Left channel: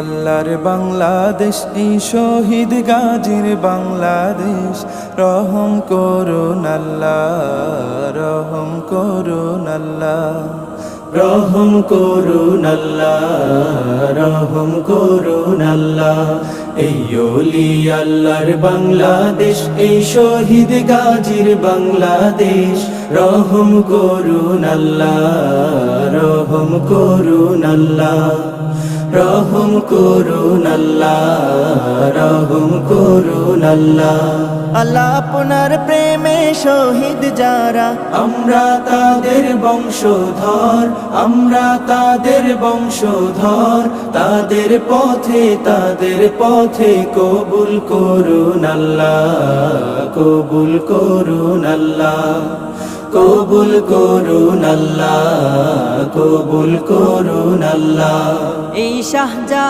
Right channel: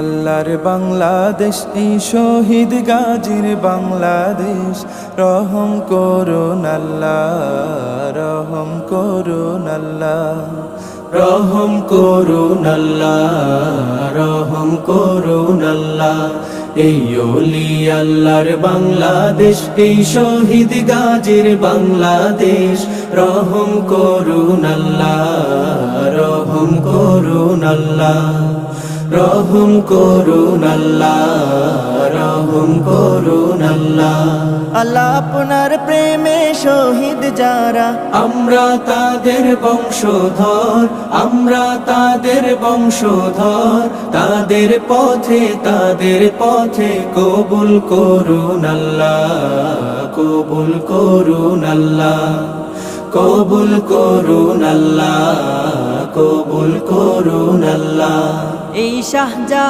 আল্লাহর বাংলাদেশ, এই শহীদ গাজীর বাংলাদেশ। রহম করুন আল্লাহ, রহম করুন আল্লাহ, রহম করুন আল্লাহ, রহম করুন আল্লাহ। এই ওলি আল্লাহর বাংলাদেশ, এই শহীদ গাজীর বাংলাদেশ। রহম করুন আল্লাহ, রহম করুন আল্লাহ, রহম করুন আল্লাহ, রহম করুন আল্লাহ। আল্লাহ আপনার প্রেমে শহীদ যারা, আমরা তাদের বংশধর, আমরা তাদের বংশধর। তাদের পথে কবুল করুন আল্লাহ, কবুল করুন আল্লাহ, কবুল করুন আল্লাহ, কবুল করুন আল্লাহ। এই শাহজাহান